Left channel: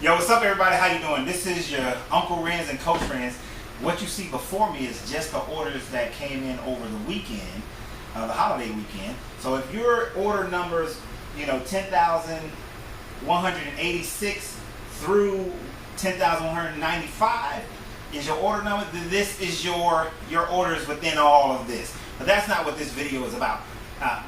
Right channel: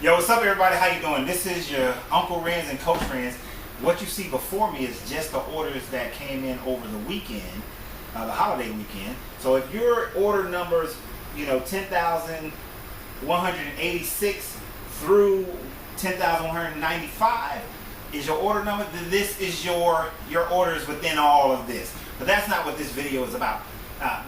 Yo, what's up everybody? How you doing? This is your Uncle Renz and Coach Renz. What you see before me is just the orders that came in over the weekend, the holiday weekend. So if your order numbers, 10,186 through 10,195 is your order number, then this is your orders within all of this. But that's not what this video is about.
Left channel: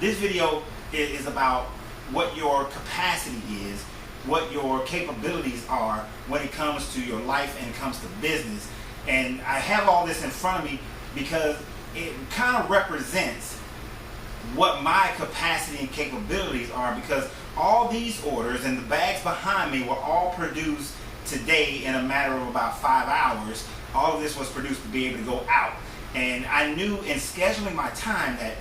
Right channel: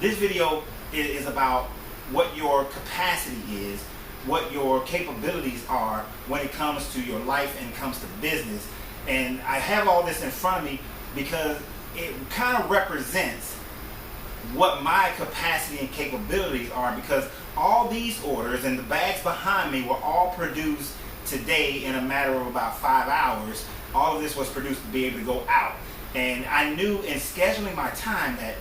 This video is about what your capacity is, what your capabilities are when it comes to your life and comes to business. And I have all this in front of me because it kind of represents what my capacity and capabilities are, because all these orders and the bags behind me were all produced today in a matter of about 5 hours. All of this was produced to be able to go out. And I knew in scheduling my time that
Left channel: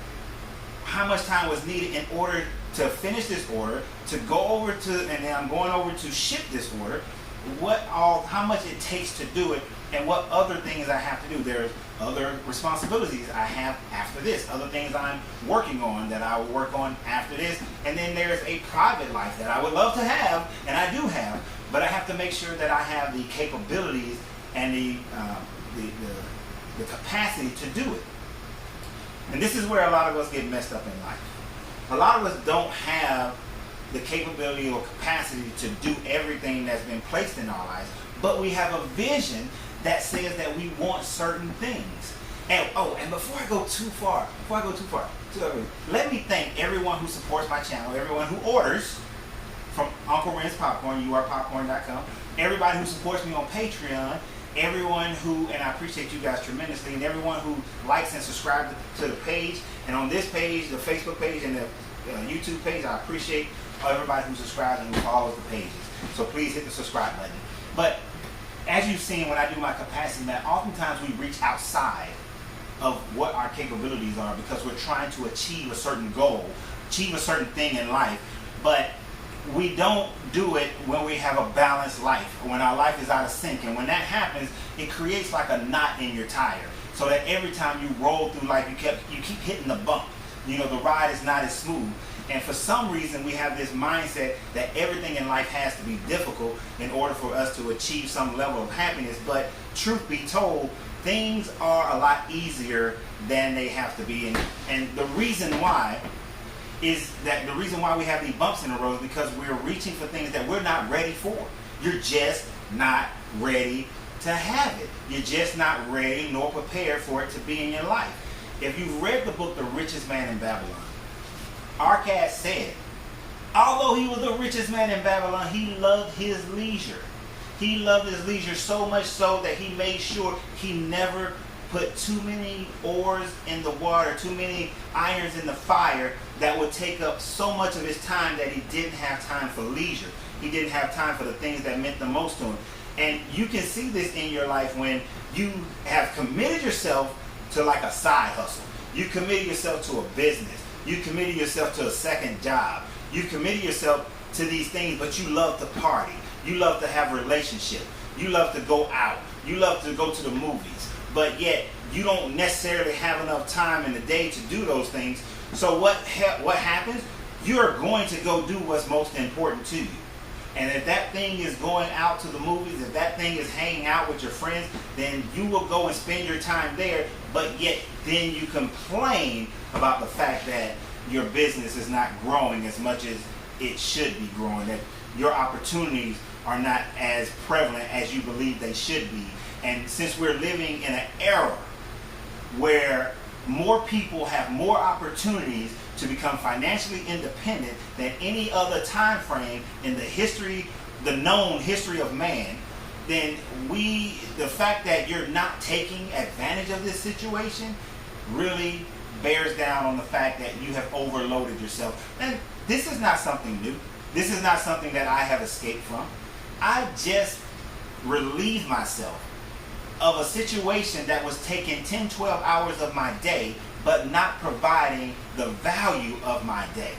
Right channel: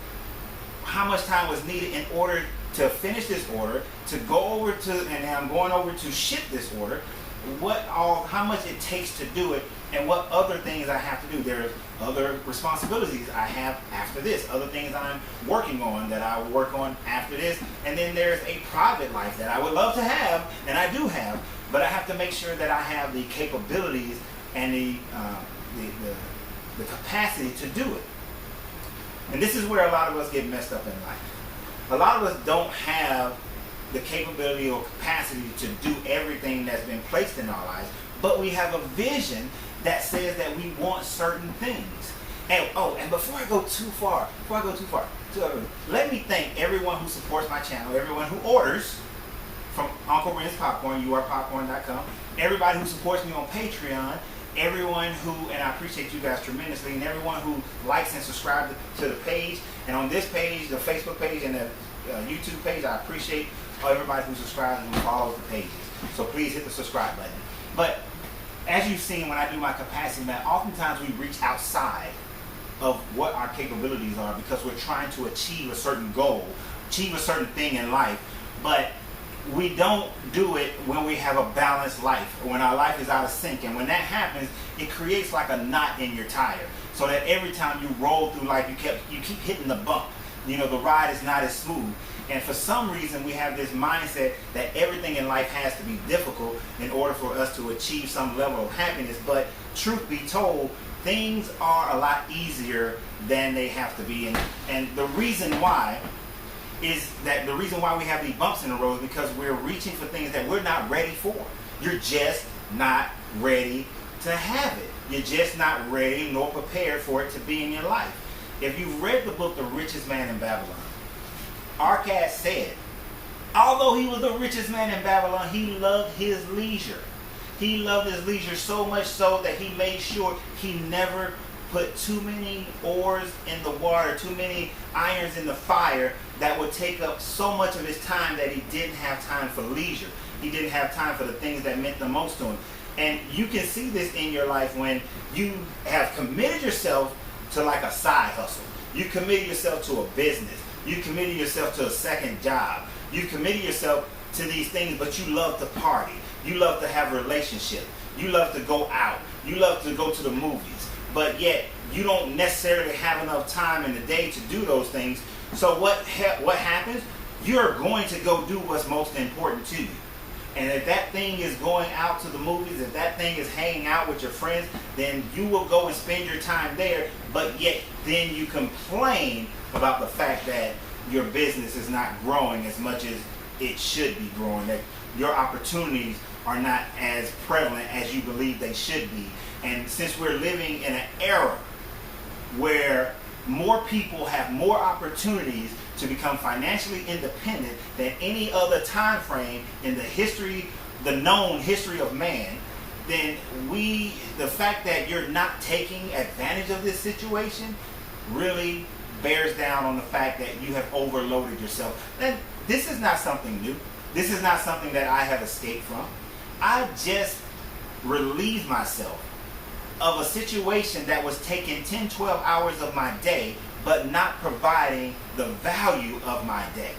how much time was needed in order to finish this order, to go over to, and then I'm going over to ship this order, how much it takes to do it, and what other things I have to do. There's other responsibilities I have after this, other things I'm working on that I will work on after this, and then there's a private life that I would love to have, and I do have, but I have to make sure that I have the capabilities and the capacity to do it. And this is where a lot of us get messed up in life. A lot of us don't have the capability or capacity to do everything that's been placed in our lives, but we have a vision that says that we want certain things. And before I go too far, let me thank everyone who supports my channel, everyone who orders from Uncle Renz Popcorn, yourpopcorn.com, everybody who supports me on Patreon, everyone who, and I appreciate you guys tremendously, and everyone who likes and subscribes to the page, and on this page, the Facebook page and the YouTube page, I appreciate everybody who subscribes and who follows the pages. So please hit the subscribe button. But as you've seen when I do my capacity map, oftentimes we reach outside of what our capabilities are because we're trying to achieve a certain goal, achieve a certain thing in life, but we don't do it when we have a balanced life, when our life is out of sync. And when that happens, it creates like a knot in your tire, so that every time you roll through life, you keep hitting the bump. The ride is not as smooth. And for some reason, we have this mindset that everything in life has to be difficult in order for us to achieve some level of happiness. But truth be told, things are a lot easier than they have to be. And the reason why is that the reason why we have these bumps in the road is because we're reaching for things that we're not ready for. You're just not ready to have it. You're just not ready nor prepared for it to be in your life. If you've read the book, The Richest Man in Babylon, Arcad said, although he was the richest man in Babylon, he loved his leisure. He loved his leisure so much so that he made sure he never put too many oars in the water, too many irons in the fire that would take up so much of his time that he didn't have time for leisure. He didn't have time for the things that meant the most to him. And you can see this in your life when you have committed yourself to like a side hustle. You committed yourself to a business. You committed yourself to a second job. You committed yourself to these things, but you love to party. You love to have a relationship. You love to go out. You love to go to the movies. But yet, you don't necessarily have enough time in the day to do those things. So what happens? You're going to go do what's most important to you. And if that thing is going out to the movies, if that thing is hanging out with your friends, then you will go and spend your time there, but yet then you complain about the fact that your business is not growing as much as it should be growing, that your opportunities are not as prevalent as you believe they should be. And since we're living in an era where more people have more opportunities to become financially independent than any other time frame in the known history of man, then the fact that you're not taking advantage of this situation really bears down on the fact that you have overloaded yourself. And this is not something new. This is not something that I have escaped from. I just relieved myself of a situation that was taking 10, 12 hours of my day, but not providing the value of my day.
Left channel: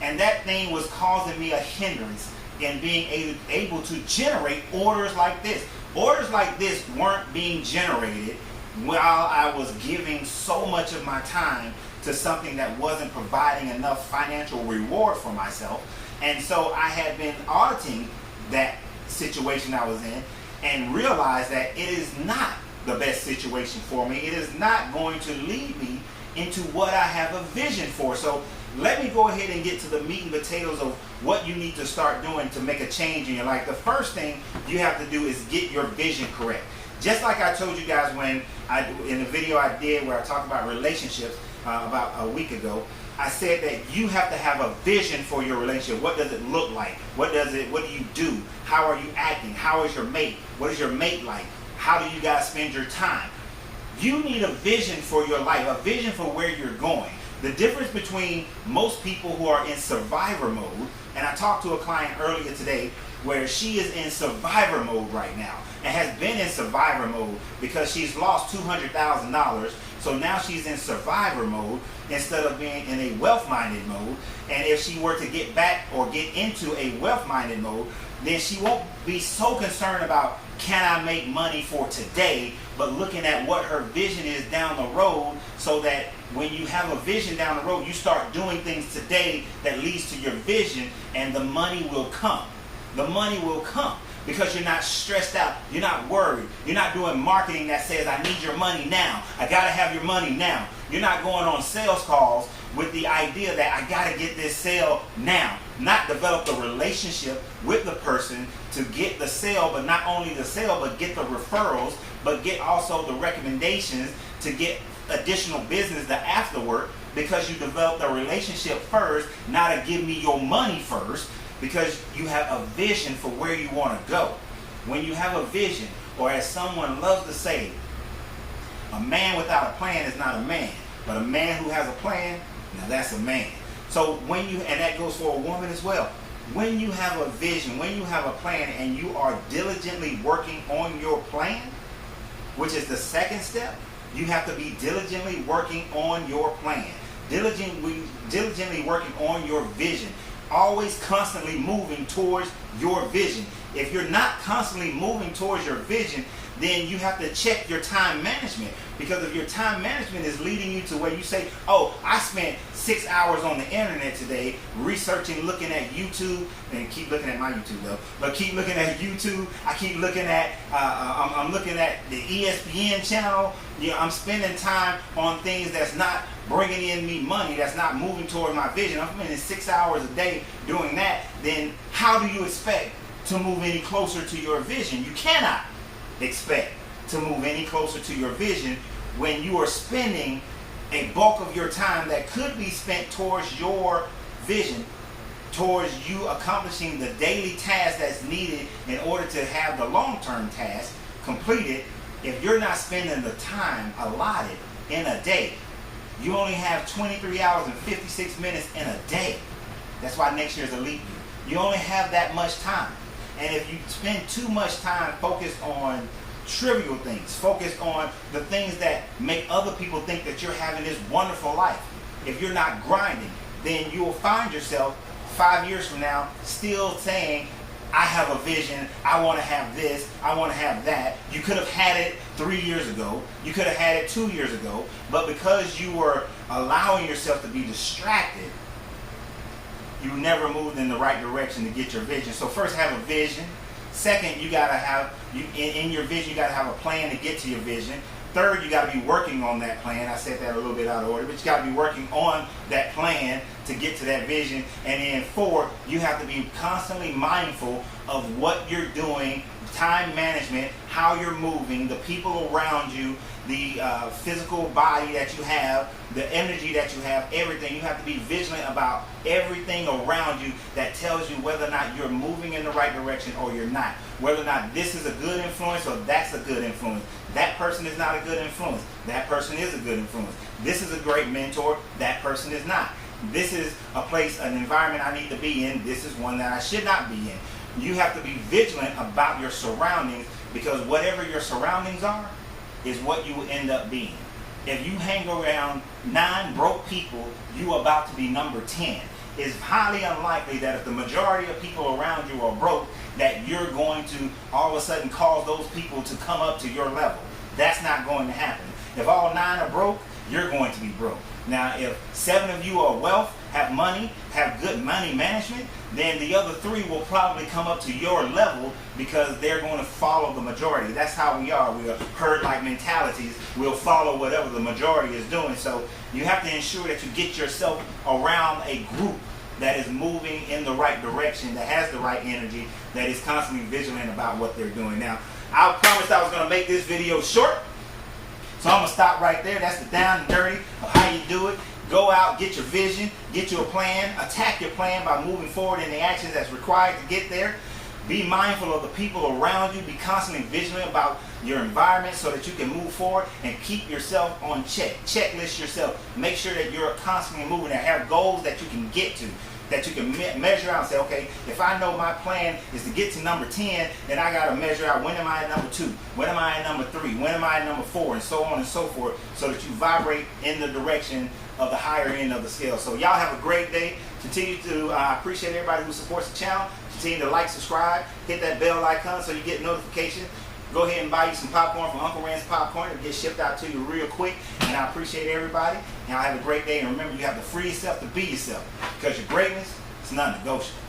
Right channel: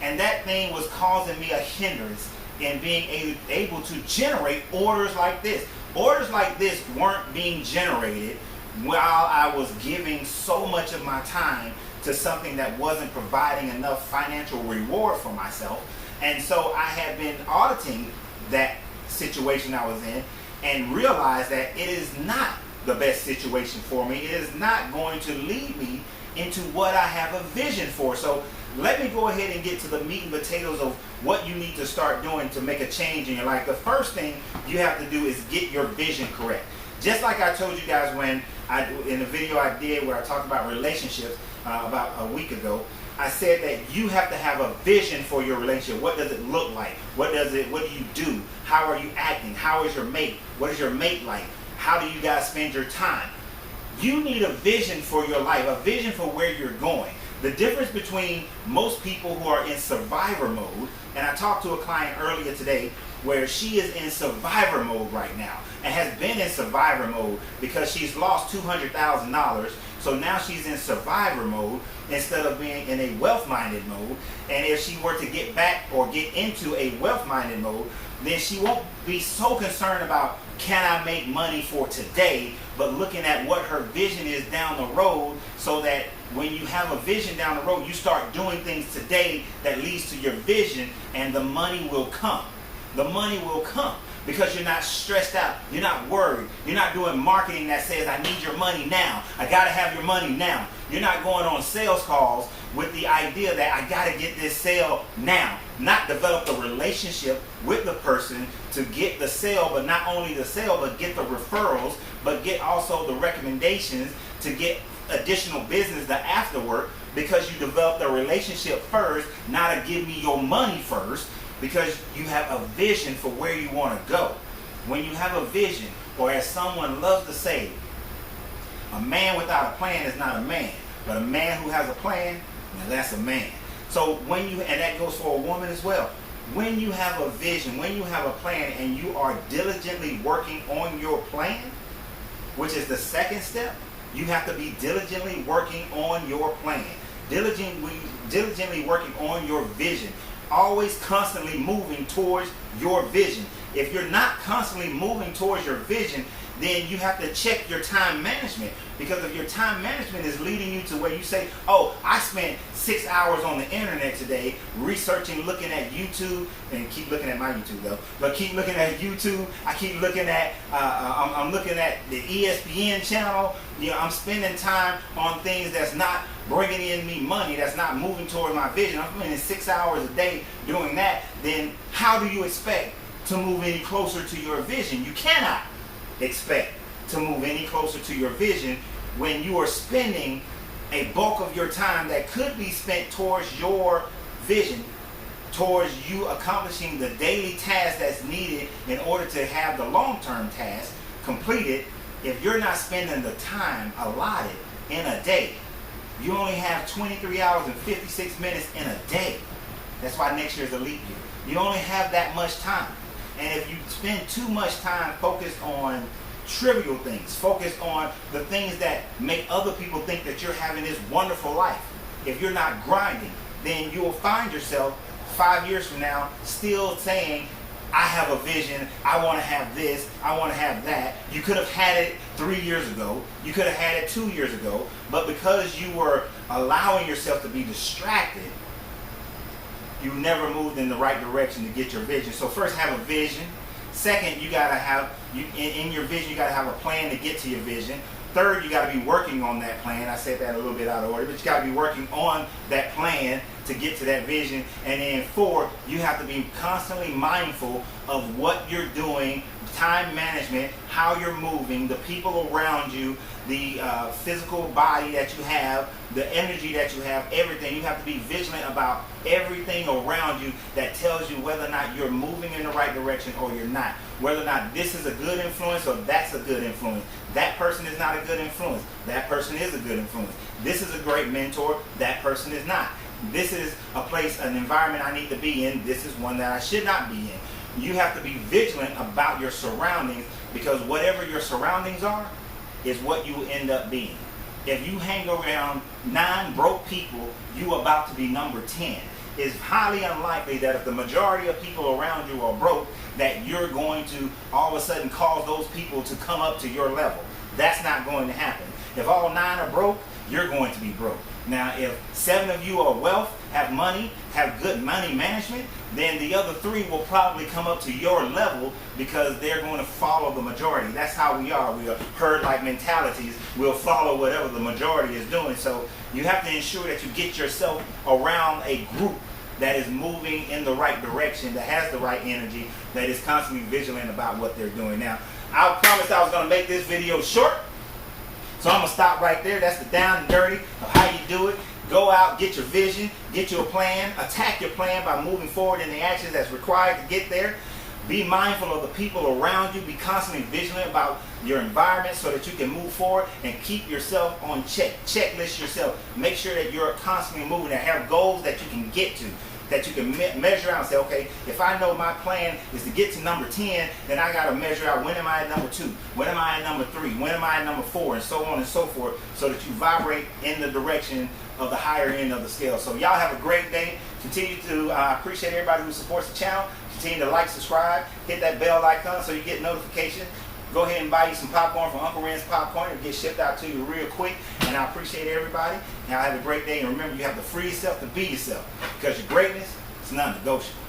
And that thing was causing me a hindrance in being able to generate orders like this. Orders like this weren't being generated while I was giving so much of my time to something that wasn't providing enough financial reward for myself. And so I had been auditing that situation I was in and realized that it is not the best situation for me. It is not going to lead me into what I have a vision for. So let me go ahead and get to the meat and potatoes of what you need to start doing to make a change in your life. The first thing you have to do is get your vision correct. Just like I told you guys in the video I did where I talked about relationships about a week ago, I said that you have to have a vision for your relationship. What does it look like? What do you do? How are you acting? How is your mate? What is your mate like? How do you guys spend your time? You need a vision for your life, a vision for where you're going. The difference between most people who are in survivor mode, and I talked to a client earlier today where she is in survivor mode right now and has been in survivor mode because she's lost $200,000. So now she's in survivor mode instead of being in a wealth-minded mode. And if she were to get back or get into a wealth-minded mode, then she won't be so concerned about, can I make money for today, but looking at what her vision is down the road, so that when you have a vision down the road, you start doing things today that leads to your vision, and the money will come. The money will come because you're not stressed out. You're not worried. You're not doing marketing that says, I need your money now. I got to have your money now. You're not going on sales calls with the idea that I got to get this sale now. Not develop the relationship with the person to get the sale, but not only the sale, but get the referrals, but get also the recommendations to get additional business the afterward, because you developed a relationship first, not to give me your money first, because you have a vision for where you want to go. When you have a vision, or as someone loves to say, a man without a plan is not a man, but a man who has a plan, now that's a man. So and that goes for a woman as well. When you have a vision, when you have a plan, and you are diligently working on your plan, which is the second step, you have to be diligently working on your plan. Diligently working on your vision. Always constantly moving towards your vision. If you're not constantly moving towards your vision, then you have to check your time management. Because if your time management is leading you to where you say, oh, I spent 6 hours on the internet today researching, looking at YouTube, and keep looking at my YouTube though, but keep looking at YouTube. I keep looking at, I'm looking at the ESPN channel. You know, I'm spending time on things that's not bringing in me money, that's not moving toward my vision. I'm spending 6 hours a day doing that. Then how do you expect to move any closer to your vision? You cannot expect to move any closer to your vision when you are spending a bulk of your time that could be spent towards your vision, towards you accomplishing the daily task that's needed in order to have the long-term task completed. If you're not spending the time allotted in a day, you only have 23 hours and 56 minutes in a day. That's why next year is a leap year. You only have that much time. And if you spend too much time focused on trivial things, focused on the things that make other people think that you're having this wonderful life, if you're not grinding, then you will find yourself 5 years from now still saying, I have a vision, I want to have this, I want to have that. You could have had it 3 years ago, you could have had it 2 years ago, but because you were allowing yourself to be distracted, you never moved in the right direction to get your vision. So first, have a vision. Second, you gotta have, in your vision, you gotta have a plan to get to your vision. Third, you gotta be working on that plan. I said that a little bit out of order, but you gotta be working on that plan to get to that vision. And then four, you have to be constantly mindful of what you're doing, time management, how you're moving, the people around you, the physical body that you have, the energy that you have, everything. You have to be vigilant about everything around you that tells you whether or not you're moving in the right direction or you're not. Whether or not this is a good influence or that's a good influence. That person is not a good influence. That person is a good influence. This is a great mentor. That person is not. This is a place, an environment I need to be in. This is one that I should not be in. You have to be vigilant about your surroundings, because whatever your surroundings are is what you will end up being. If you hang around 9 broke people, you are about to be number 10. It's highly unlikely that if the majority of people around you are broke, that you're going to all of a sudden cause those people to come up to your level. That's not going to happen. If all 9 are broke, you're going to be broke. Now, if 7 of you are wealth have money, have good money management, then the other three will probably come up to your level because they're going to follow the majority. That's how we are. We are herd-like mentalities. We'll follow whatever the majority is doing. So you have to ensure that you get yourself around a group that is moving in the right direction, that has the right energy, that is constantly vigilant about what they're doing. Now, I promised I was going to make this video short, so I'm going to stop right there. That's the down and dirty of how you do it. Go out, get your vision, get your plan, attack your plan by moving forward in the actions that's required to get there. Be mindful of the people around you. Be constantly vigilant about your environment so that you can move forward and keep yourself on check. Checklist yourself. Make sure that you're constantly moving and have goals that you can get to, that you can measure out and say, okay, if I know my plan is to get to number 10, then I got to measure out when am I at number 2, when am I at number 3, when am I at number 4, and so on and so forth, so that you vibrate in the direction of the higher end of the scale. So y'all have a great day. Continue to appreciate everybody who supports the channel. Continue to like, subscribe, hit that bell icon so you get notifications. Go ahead and buy you some popcorn from Uncle Ren's Popcorn. It'll get shipped out to you real quick. And I appreciate everybody. And I have a great day. And remember, you have to free yourself to be yourself, because your greatness is non-negotiable.